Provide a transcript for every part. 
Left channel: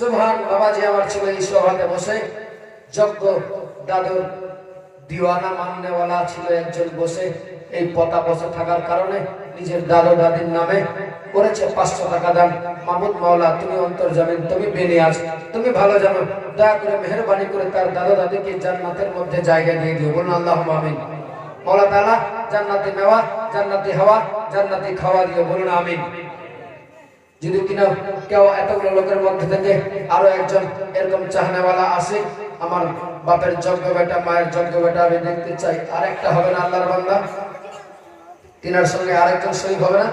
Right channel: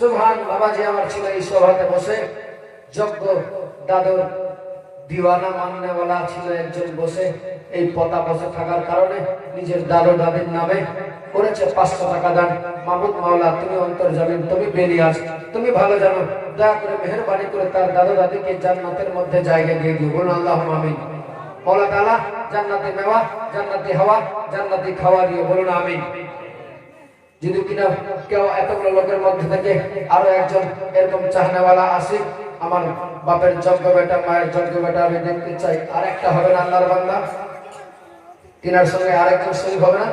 সুবহান বাবাজি আমার ছিল এই সভাতে বসে যজ্ঞ দাদুর দিওয়ানা মাননেওয়ালা ছিল একজন বসে এই পতা বসে থাকার কারণে নিজের দাদু দাদির নামে করেছে 500 টাকা দান। মাহমুদ মাওলা তুমি অন্তর্জামিন, তুমি বেনিয়াজ, তুমি ভালো জানো, দয়া করে মেহেরবানি করে তার দাদা দাদিকে জান্নাতের মধ্যে জায়গা দিয়ে দিও। বলুন আল্লাহুম্মা আমিন। মাওলা তাআলা জান্নাতে নেওয়া, জান্নাতি হাওয়া, জান্নাতি খাওয়া দিও। বলুন আমিন। যদি কিনা কেউ এতগুলো লোকের মধ্যে থেকে আরো একজন এরকম চাহনেওয়ালা আসে, আমার বাপের যোগ্য বেটা, মায়ের যোগ্য বেটা আমি দেখতে চাই, আরেকটা হবে না আল্লাহর বান্দা? তিনার সঙ্গে আরেকজন শরীক হবে না?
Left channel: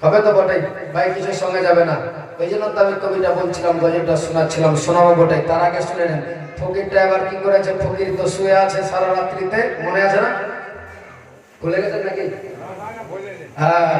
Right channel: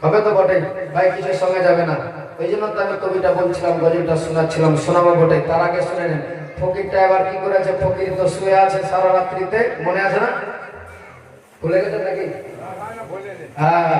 হবে তো বটেই ভাই, কিছু সঙ্গে যাবে না। ওই জন্য তো আমি কবিতা বলছিলাম, গজলটা শোনাচ্ছিলাম, শোনাবো বটেই। তার আগে শুনে নেন ফকিরটা এবার কি করেছে। ফকির তো শুয়ে আছে সারা রাত্রিতে, মনে আছে না? ভুলে গেছে নাকি? হ্যাঁ,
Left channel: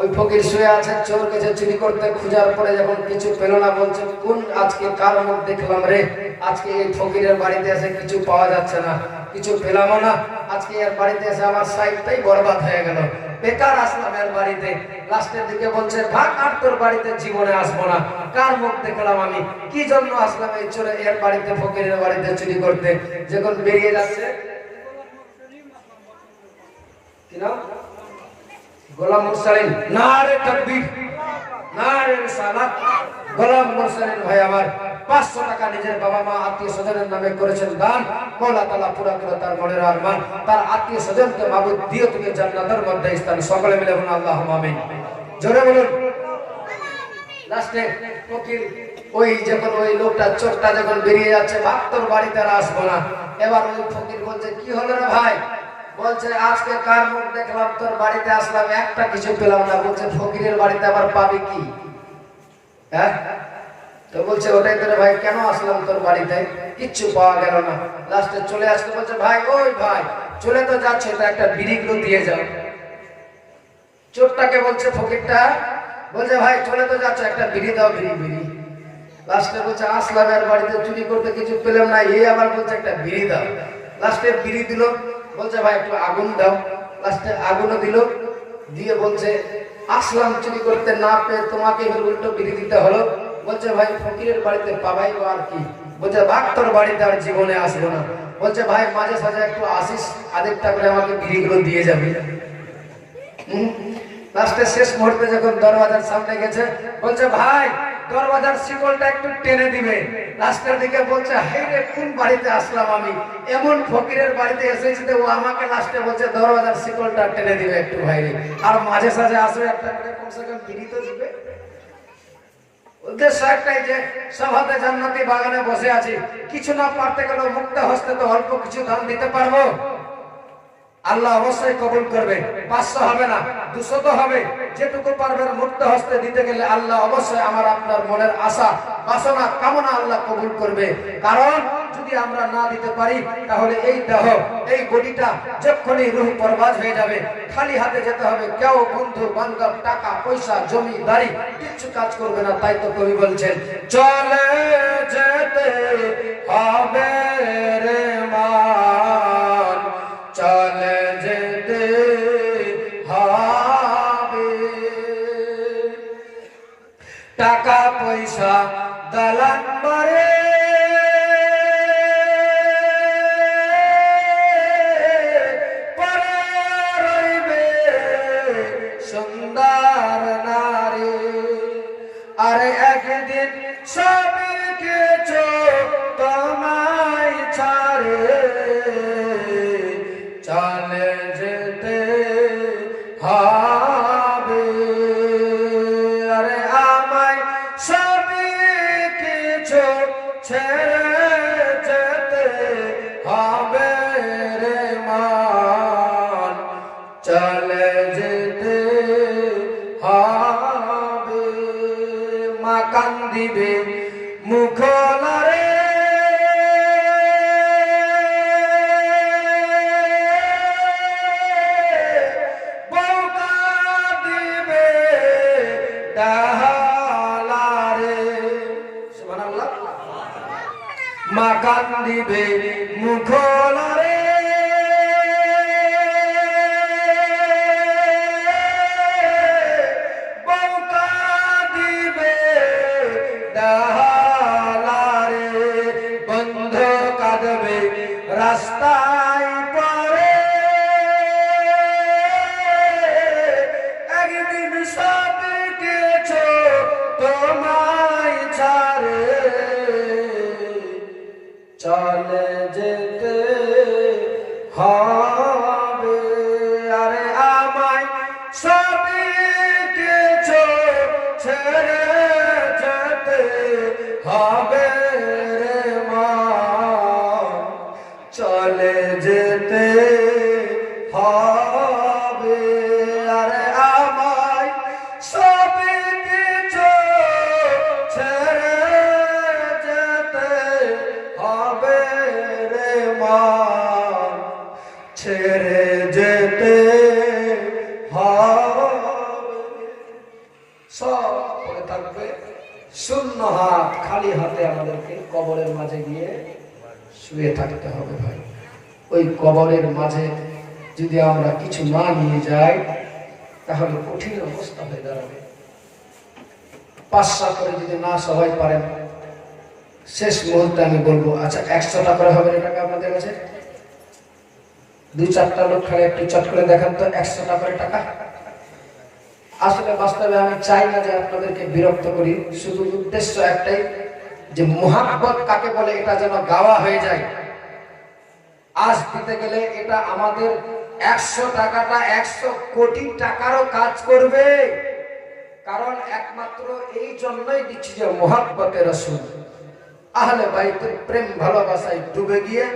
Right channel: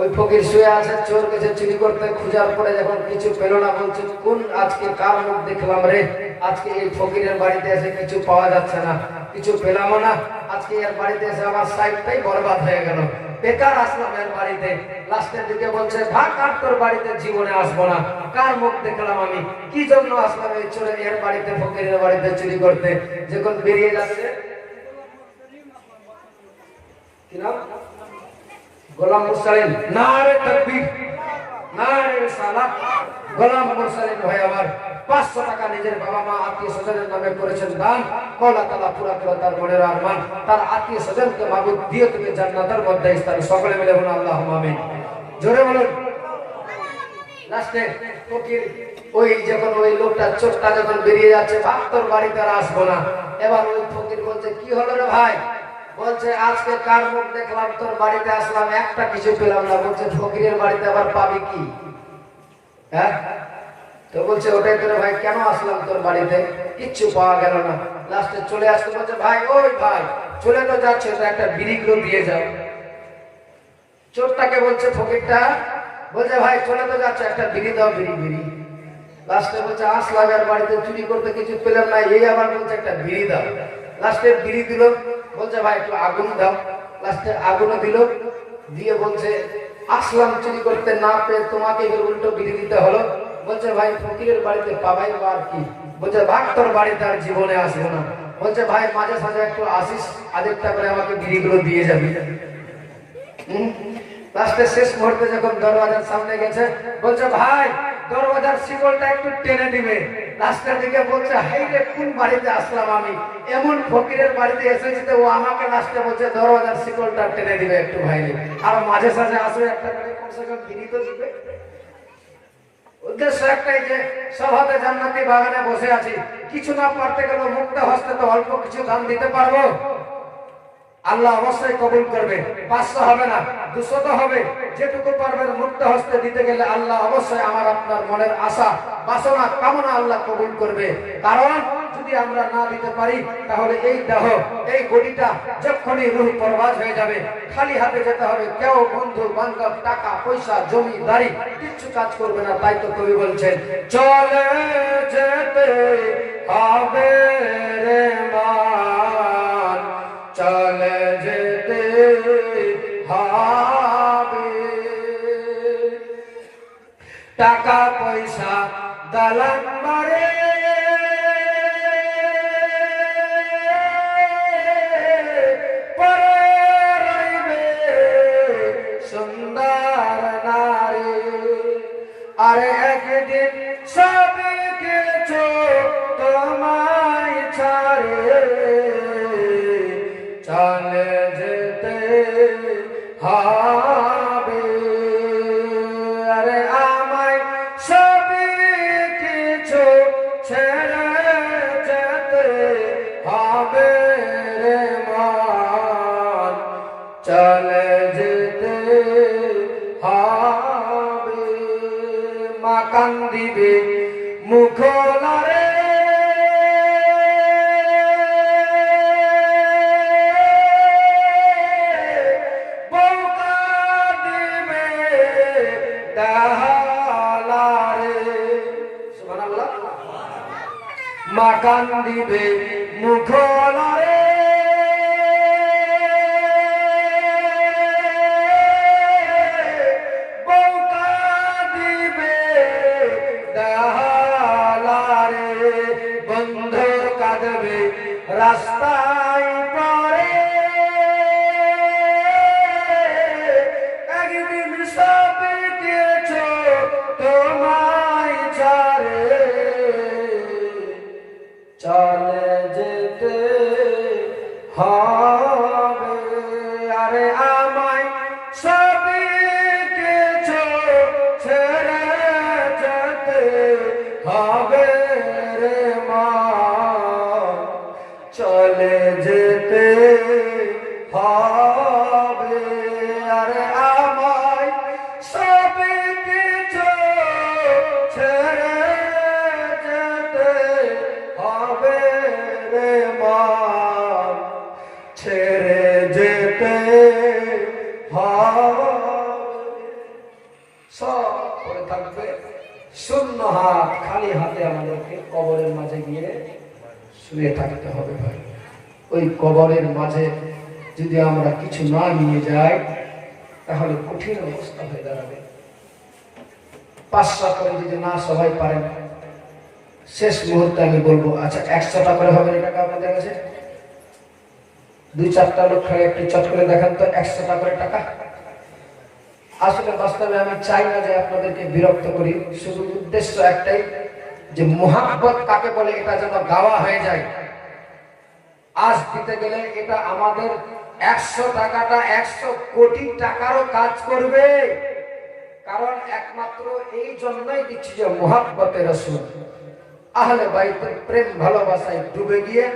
ওই ফকির শুয়ে আছে, চোর গেছে চুরি করতে, খুঁজার পরে যখন কিছু পেল না, বলছে কোন আজকে কার মুখ দেখলাম রে, আজকে এই ফকিরের বাড়িতে এসে কিছু পাওয়া যাচ্ছে না, কিছু পেলাম না, আজকে এর বাড়িতে এসে আমার সাইডটাই বরবাদ হয়ে গেল, বেকার আসলাম এর বাড়িতে। লাস্টের দিকে বলছে ভাগ, আর তোর বাড়িতে জীবনে আসবো না, কার মুখ দেখলাম আমি, কি জন্য আসলাম এই চোরে এর বাড়িতে, ফকিরের বাড়িতে চুরি করতে। যখন বেরিয়ে যাচ্ছে, কি নাম? গোলাম মুরসালিন। নারে তাকবীর, নারে রিসালাত। গোলাম মুরসালিন ভাই আমার 500 টাকা নিজের বাবা মা আত্মীয় স্বজনের নামে করেছেন দান। মাওলা তাআলা পুরা করে তার মনের আরমান, তার আত্মীয় স্বজনকে মাবুদ দিয়ে তুমি জান্নাতের মধ্যে স্থান। সকলে মিলে বলুন আল্লাহুম্মা আমিন। জোরে বলুন। লাস্টে ফকির ওই যখন ওই লোকটা চোরটা যখন বেরিয়ে যাচ্ছে, ভাব তোর বাড়িতে আর আসবো না। এবার ওই ফকির বলছে কি হলো রে ভাই? বলছে আজকে কার মুখ দেখলাম, তোর বাড়িতে আসলাম, একটা কিছু পেলাম না। বলছে ফকিরের বাড়িতে আবার পাবি কি? হ্যাঁ, তো বলছে ওটাই করে ভাই, কেন আসলাম তোর বাড়িতে, কিচ্ছু পাওয়া গেল না। লাস্টে চলে আসতে বলছে ভাই, ওই ভাই চলে তো যাচ্ছে, তো একটা বিড়ি গুলো দিয়ে যাও। চোরটাকে বলছে ফকিরটা, বলছে ভাই চলে তো যাচ্ছে, একটা বিড়ি দাও, বিড়ি বিড়ি। লাস্টে বলছে আসলাম এর বাড়িতে চুরি করতে, কিছু পেলাম না, এই আবার বলছে একটা বিড়ি দাও। লাস্টে বিড়ি দিল, বলছে ভাই একটু আগুন দাও। লাস্টে আগুনও দিল, দিয়ে বলছে আসলাম চুরি করতে, না পেয়ে তোমাকে উল্টো বিড়ি দিতে হলো। বলছে ভাই ফকিরের বাড়িতে পাবাই বা আর কি? বলছে ভাগ তোর বাড়িতে আর জীবনে আসবো না। বলছে ভাই মাঝে সাঝে একটু আসিস, আধেকটা করে আমাকে বিড়িগুলো দিয়ে যাবি। লাস্টে শেষ মুহূর্তে যখন দরওয়াজার সামনে গেছে, বলছে ভাই দরওয়াজার শিকলটা একটু টেনে দিবে। লাস্টের দিকে বলছে হাই রে, কোন বাড়িতে আসলাম আমি, এমন ফকিরের বাড়িতে এসেছি তো ও আমাকে লাস্টে বলছে দরওয়াজার শিকলটা টেনে দিবে একটু ভাই রে, আর মাঝে সাঝে আসবে একটা করে কমসে কম বিড়ি তো দিবে। উদ্দেশ্য একটাই যে সভাতে জান্নাতি বাগানে বসে আছি, কিছু না পারতে গেলে মুক্ত হস্তে তো অল্প কিছু দান দিতে পারবো। আল্লাহ অবশ্যই কবুল করবে। 500 হবে না, 200 তো হবে। যেটুকু পারবেন মুক্ত হস্তে দিতে গেলে আল্লাহ অবশ্যই আমার আপনার মনের আশা বাসনা কামনা আল্লাহ কবুল করবে। কারণ যদি আমরা না দিতে পারি তাহলে এই দেহ, এই বডিটা যখনই রূহ পরবাজ হয়ে যাবে, খালি হাতে যেতে হবে। কেউ বন্ধু বান্ধব, টাকা পয়সা, জমি বাড়ি কিচ্ছু কাজ করবে না। তাই তো কবি বলছেন চলে যেতে হবে রে মান, চলে যেতে হবে। টাকা পয়সা দালান বাড়ি পরে রইবে সুন্দর নারী, আরে একদিন সব কিছু তোমায় ছাড়ে চলে যেতে হবে। আরে আমায় সব কিছু ছেড়ে যেতে হবে রে মান, চলে যেতে হবে। মা কান্দিবে মুখ লারে, মা কান্দিবে মুখ লারে, বউ কাঁদিবে যেতে হবে, সব পড়ে থাকবে। শূন্য হাত, খালি হাতে আমাদেরকে কবরের মাঝে গিয়ে শুয়ে থাকতে হবে ভাই। ওই কবরের মাঝে যদি আমরা কিছু না নিয়ে যাই তাহলে কঠিন অবস্থা হয়ে দাঁড়াবে। 500 করে যদি না সবাই পারেন, শেষ মুহূর্তে আমি বলবো, আচ্ছা 100 টাকা করে হবে টাকা আপনাদের কাছে? 2-4টা লোক খালি একটু চট করে দেখান তো 100 টাকা করে টাকা। আসলে বাস্তবে আমি চাই না যে আপনাদেরকে বিরক্ত করি, শুধু উদ্দেশ্য একটাই যে মুহাব্বত কাকে বলে এটা যেন গাওয়া হয়ে যায়। আজ দিতে গেলে এটা আমাদের 100 টাকাটা 100 কোটি টাকারও কাজ করবে, কারণ একমাত্র এই জন্যই দিচ্ছি যে মুহাব্বতে রাসূল, আহলে বাইতের প্রেম ভালোবাসায় ডুবে গিয়ে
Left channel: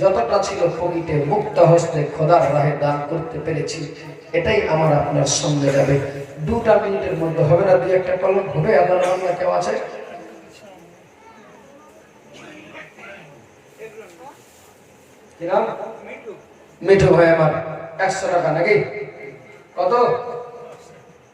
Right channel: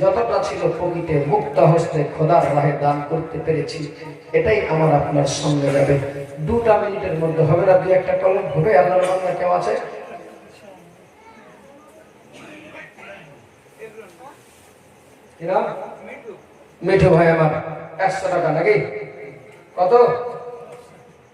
যতটা ছিল পকেটে মুক্ত হস্তে খোদার রাহে দান করতে পেরেছি, এটাই আমার আপনার সঙ্গে যাবে। 2টা মিনিটের মধ্যে হবে না, 2-1টা কলম হবে। আপনার সঙ্গে কেউ আছে? মিঠু ভাই আমার 100 টাকা নাকি? কত?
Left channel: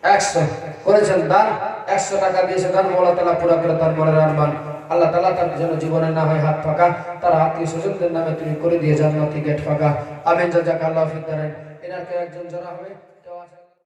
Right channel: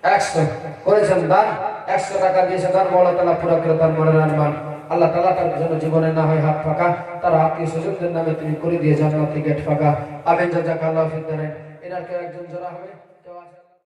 100 করেছেন দান, 100 টাকা দিয়েছে দান। মওলা তাআলা পুরো করে তার মনের আরমান আল্লাহ তাআলা তার যেন জীবনে না হয় হাত ফাঁকা, তার আত্মীয় স্বজনদের নামে তুমি করে দিয়ে জান্নাতি গেট ফাঁকা। আমিন। জাযাকাল্লাহু ফিদ দারাইন। এনার কেউ একজন জোড়া হবে?